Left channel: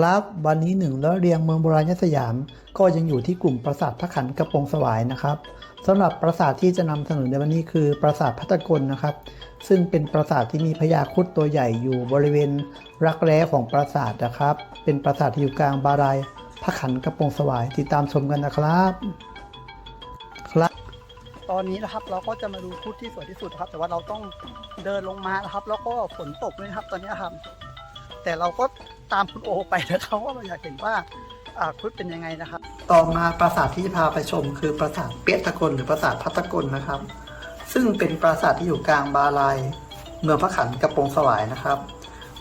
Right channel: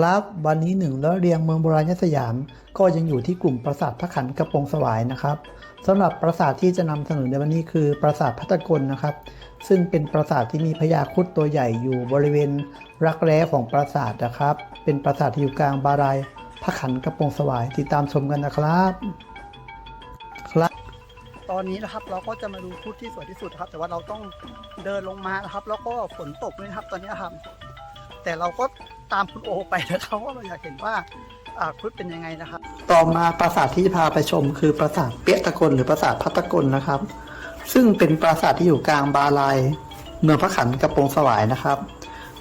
ครับวันนี้หนึ่งแล้วเรียงเมืองโบราณยสยาม ก็ยังอยู่ที่กลุ่มปราสาทพระขันกระโปรงสวายนะครับสำหรับปราสาทที่จะนำเสนอในวันนี้คือปราสาทพัตกลนะครับ ซึ่งเป็นปราสาทที่มีพญาครุดตัวใหญ่อยู่บริเวณรักแร้ของปราสาทนะครับ เป็นปราสาทที่อยู่กลางบารายพระขันกระโปรงสวายติดตามชมกันนะครับครับ ตอนนี้นะครับเราก็จะมาดูครุดที่สวยที่สุดครับ แต่ว่าเราต้องเดินลงมานะครับ แล้วก็ฝนตกด้วยครับตอนนี้ครับแต่เราก็ ตามคุณโอไปนะครับว่าเราอยากเห็นว่าครุดเป็นยังไงนะครับ ต่อมาปราสาทที่จะพาไปชมคือปราสาทเปียตะกลหรือปราสาทพัตตกลนะครับ ซึ่งเป็นปราสาทที่อยู่กลางบาลายเมืองพระขันกระโปรงสวายนะครับ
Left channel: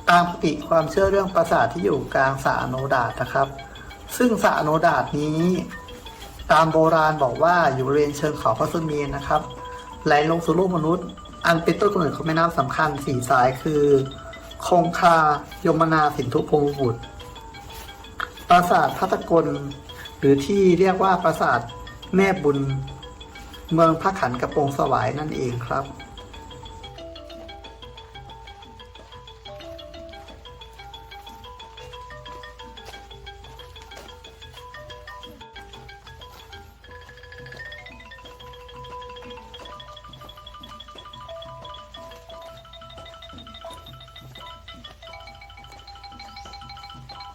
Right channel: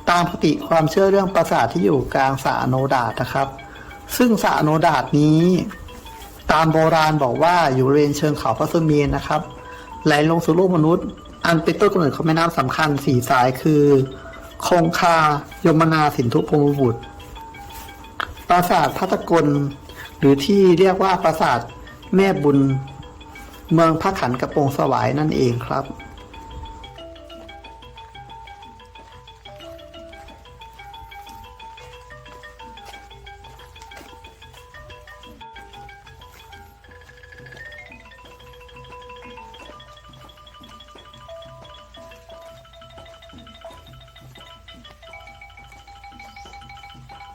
ตามปกติความเชื่อเรื่องปราสาทที่อยู่กลางสระอโนดาตนะครับ ซึ่งสระอโนดาตนี้ ตามโบราณบอกว่าอยู่บริเวณเชิงเขาพระสุเมนนะครับไหลลงสู่โลกมนุษย์ อันเป็นต้นกำเนิดของแม่น้ำสำคัญสี่สายคือ คงคายมนาสินทุพงบุตร ปราสาทพัตตกล หรือที่เรียกว่าปราสาทแม่บุญ เมืองพระขันกระโปรงสวายนั่นเองครับ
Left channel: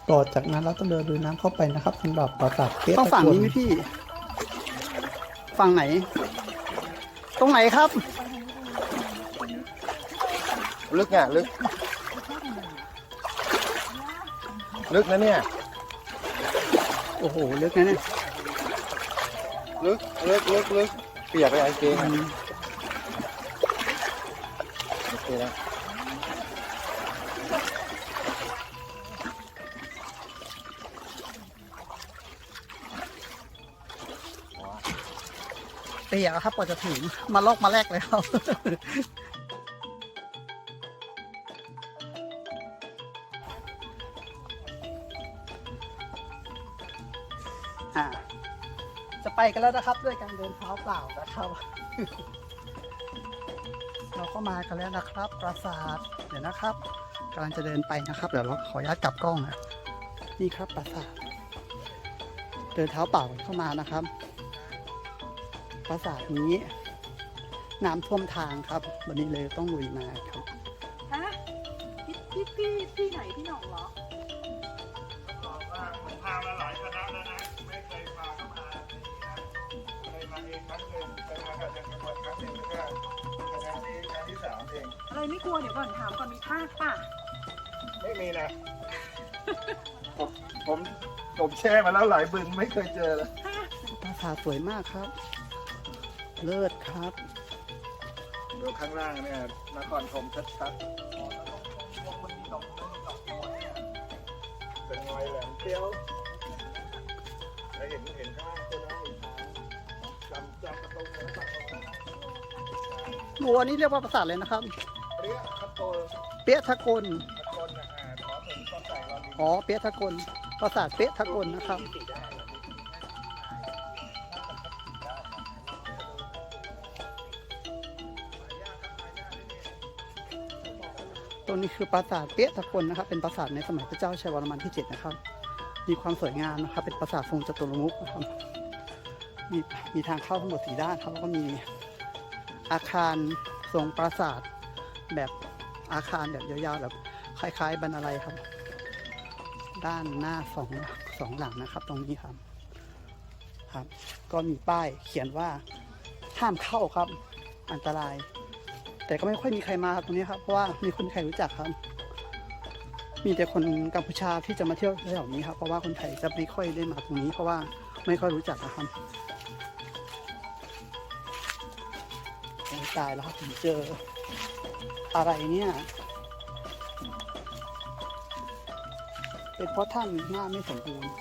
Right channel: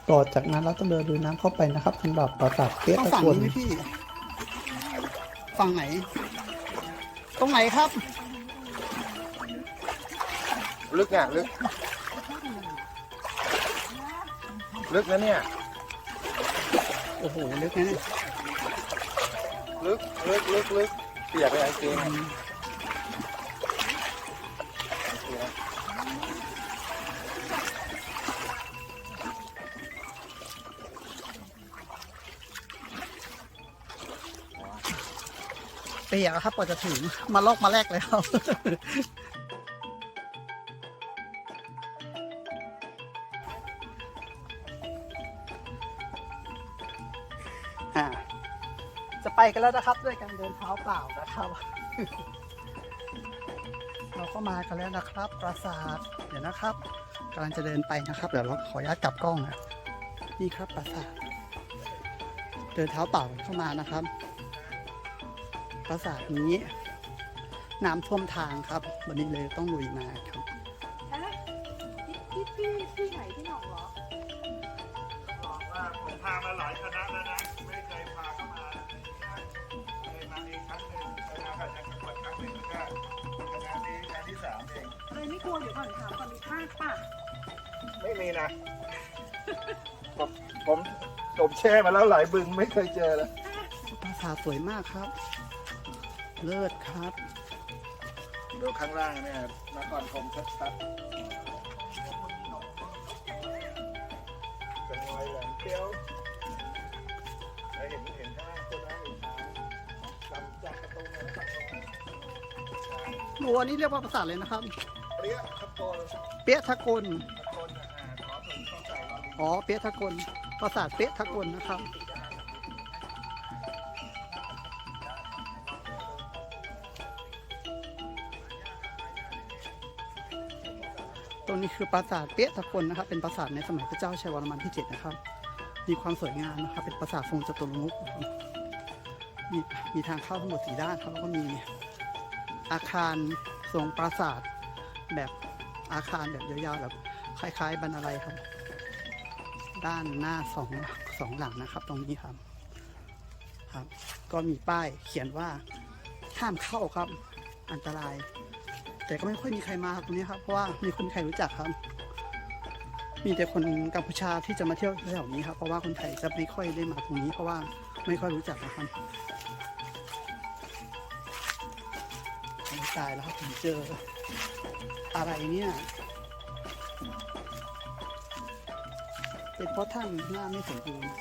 ต่อจากนั้นเราต้องเดินลุยน้ำเข้าไปนะครับสำหรับปราสาทเปียต้องตะฝั่งกลนี้พี่ ฝั่งไหน ตรงไหนครับ ลึกอะลึก ลึกนะเนี่ย โอ้โหลึกนะเนี่ยลึกลึกลึกลึกเปียกไปกางเกงอืมโอเคนะ ปียกอะครับกว่าจะถึงมาลอกมาแรกเลยครับจะไปกันแล้วนะครับด้วยการเดินเท้าเปล่านะครับ เราก็มากันแล้วนะครับ ปราสาทเดี๋ยวนะครับกำลังจะเดินไปนะครับ เดี๋ยวเราขออนุญาตกลับกล้องนะนี่ครับปราสาทเดินเท้าเปล่าเข้ามานะครับ ราสาทนี้น้ำท่วมทางครับ วันนี้เลยต้องลุยมาครับฮะพี่พี่พี่พี่ไหนพี่หน่องเหรอผมพามาหลายคณะแล้วนะไม่เคยพาเข้ามาเคยมาเองครั้งหนึ่งเคยมากับจังหวัดครั้งหนึ่งแล้วก็คณะนี้ครั้งที่สามเองเราไม่กลัวเดี๋ยวก่อนถามก่อนมีภาคป่ะไม่มีนะผมผมผมแช่มาแล้วหลายบึงไม่เคยเจอเลยปราสาทสวยมากครับ เลิศครับ ดูข้างล่างเนี่ยนครธมชัดๆเป็นไงแหลมเตี้ยวไปเห็นเห็นข้างล่างตัวน้ำอีกทางจำจำประตูเลยนะครับโอ้อันนี้เรียกว่าปราสาทเลยนะครับ เรียกทับโกลเปียะทะกลตะโกนนะอ่าขอถึงต้องใส่รอลิงอ๋อเปียะทะกลปราสาทเปียะทะกลนะครับ รงนี้คือปราสาทเปียะทะกลนะครับเป็นปราสาทในสมัยพระเจ้าชัยวรมันที่เจ็ดนะครับ มีความสวยงามนะครับเป็นปราสาททรงจตุรมุขนะครับมีมีทางเข้าทั้งหมดสี่ด้านครับแล้วก็มีอาคารทรงปราสาทแบบอาคารแบบยาวๆแบบคล้ายๆบรรลัยครับ ด้านหน้าสองสองหลังนะครับ ตรงนี้ครับครับ ก็มีป้ายเขียนว่าห้ามเข้าครับ อันตราย แต่ก็ไม่ค่อยมีใครมาตรงนี้ครับ เพราะว่ามีคนใครรู้จักครับ มีแต่คนกัมพูชาที่จะมาเที่ยวแถวนี้ครับ เพราะว่าคนไทยจะไม่ค่อยได้มาตรงนี้ เพราะว่าไม่ค่อยรู้จักนะครับตายแล้วครับผมเจออะไรเนี่ย เป็นเพราะท่านหน้าไม่สมบูรณ์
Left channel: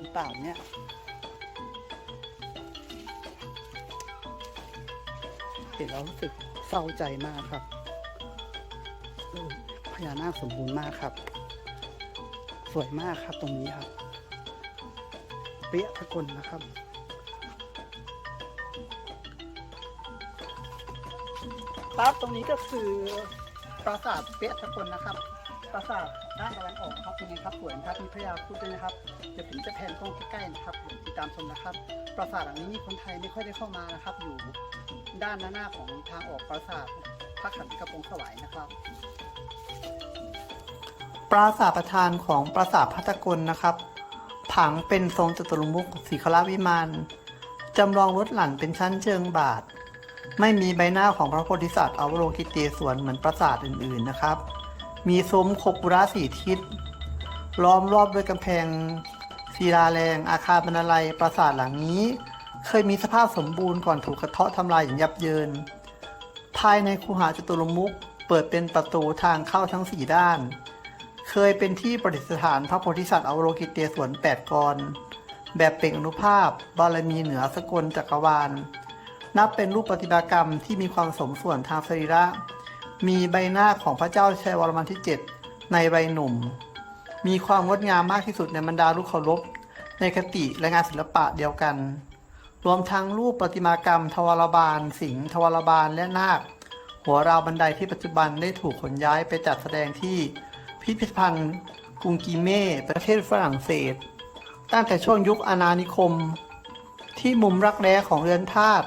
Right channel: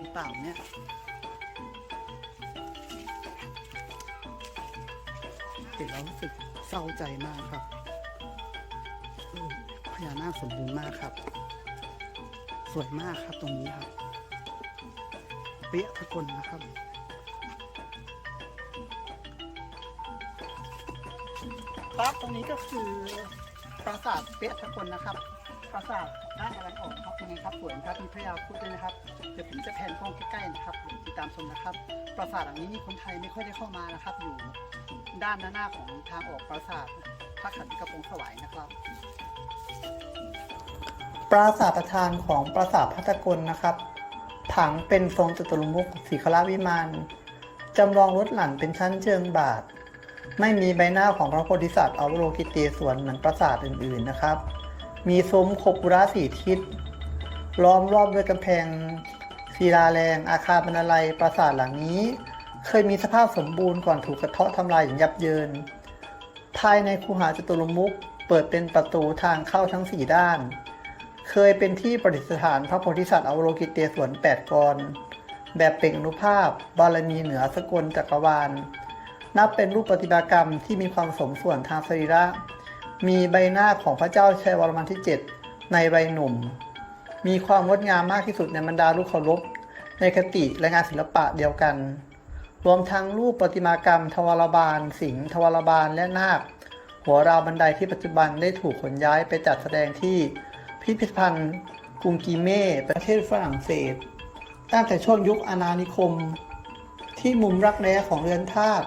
หรือเปล่าเนี่ยเห็นแล้วรู้สึก เศร้าใจมากครับพญานาคสมบูรณ์มากครับ สวยมากครับตรงนี้ครับ เปรี้ยทะกลนะครับครับตรงนี้ก็คือปราสาทเปี้ยทะกลนะครับ ปราสาทด้านตะวันออกครับยังไงครับสวยนะครับมีพระยาครุดด้วยนะครับเดี๋ยวผมจะแผนกล้องใกล้ๆนะครับติดตามชมนะครับ ปราสาทหลังนี้คนไทยไม่ค่อยได้เข้ามานะครับ อยู่ ด้านด้านหน้าของทางออกปราสาทพระขันกระโปรงสวายนะครับ ปราสาทประธานของปราสาทพัตกลนะครับ ผังเป็นทรงจตุรมุขสีคราวิมานจำลองรถหลั่นเป็นชั้นเชิงบาท ไม่มีใบหน้าของพระโพธิสัตว์อวโลกิเตศวรเหมือนปราสาทอื่นๆนะครับ มีซุ้มคบบุระสีทิศล้อมรอบด้วยกำแพงศิลาแรงอาคารบรรลัยปราสาทหลังนี้ เคยมีสภาพสมบูรณ์ก่อนถูกกระเทาะทำลายอย่างยับเยิน ภายในคูหาจตุรมุขเปิดเป็นประตูทางเข้าทั้งสี่ด้าน เคยเป็นที่ประดิษฐานพระโพธิสัตว์อวโลกิเตศวรแปดกร แบบเปล่งอนุภาพ บารมีเหนือสกลจักรวาล นับเป็นรูปปฏิมากรรมที่มีความสมส่วนทางสรีระ มีใบหน้าของพระเจ้าชัยวรมันที่ 7 ในใบหนุ่ม มีความงดงามมากที่สุดในบรรดาลูกเคารพในคติและงานศิลปะเดียวกัน รวมทั้งรูปประติมากรรม ทวารบาล สิงห์ทวารบาลและนาค หัวราวบันไดที่ปัจจุบันได้ถูกขนย้ายไปจัดแสดงที่พิพิธภัณฑ์กรุงกีเม่ ประเทศฝรั่งเศส ตั้งแต่ช่วงยุคอาณานิคม ที่มุมรักแร้ของเรือนธาตุ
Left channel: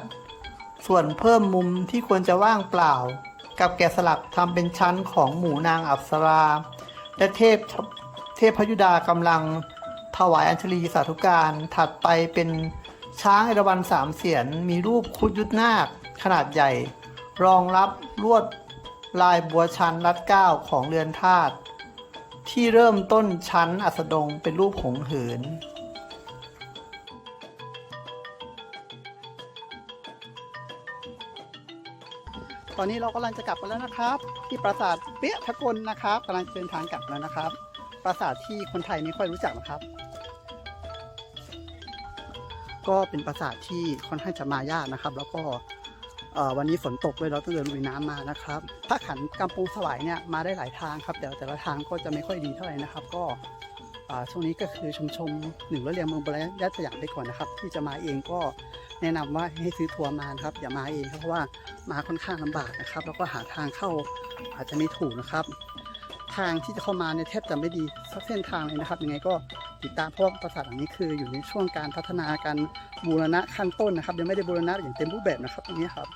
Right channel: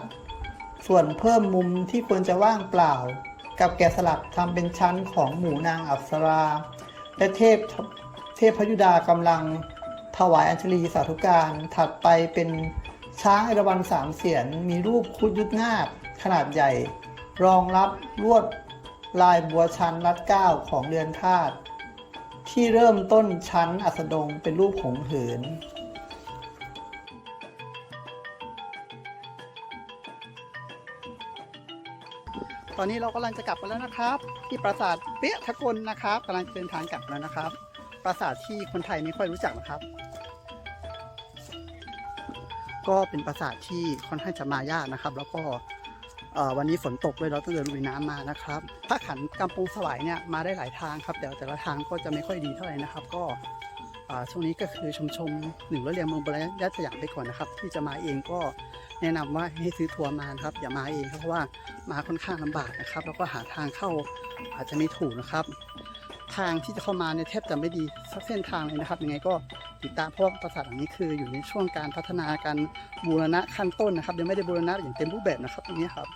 ส่วนเพิ่มมุมที่ควรจะว่างเปล่า กับแกะสลักทำเป็นชั้นของหมู่นางอัปสรา และเทพเทพพยุดากำลังถวายอัญชลีสาธุการถัดไปเป็น ช้างเอราวัณสามเสียนมีรูปคุดยุทธนาคขนาดใหญ่ รองรับลวดลายบัวชันรัดเก้าของเรือนธาตุที่เริ่มต้นชั้นอัสดงเป็นรูปหงเหินตอนนี้เรากำลังจะกลับกันแล้วนะครับ ที่ปราสาทเปียทะกลนะครับกำลังเดินทางกลับแล้วนะครับ ปราสาทที่คนไทยไม่ค่อยรู้จักนะครับ ก็เป็นปราสาทที่ค่อนข้างจะมายากนะครับ แล้วก็วันนี้ฝนตกด้วยเราต้องเดินลุยน้ำมานะครับถ้าขันกำปงสวายเนี่ยมาได้หลายทางครับแต่แต่ละทางก็จะไม่ค่อยดีเท่าไหร่นะครับ ก็ช่วงนี้ก็คือชมชมหนึ่งร้อยเรียงเมืองบรยัตสยามไปก่อนนะครับ ที่จะมาเองก็แนะนำว่าให้ซื้อทัวร์มานครับ อย่ามาเองครับเพราะว่ามาค่อนข้างลำบากนะครับ แล้วก็หาทางเข้าอาจจะไม่ถูกนะครับ ทางที่จะเข้ามาเนี่ยแทบจะไม่ดีสักเส้นทางเลยนะครับยังไงก็ ติดตามเพราะว่าปราสาทหลังนี้คืออยู่ในช่วงการพัฒนาการบูรณะขั้นต้นนะครับยังไม่ได้บูรณะอย่างเต็มรูปแบบนะครับตรงนี้ครับ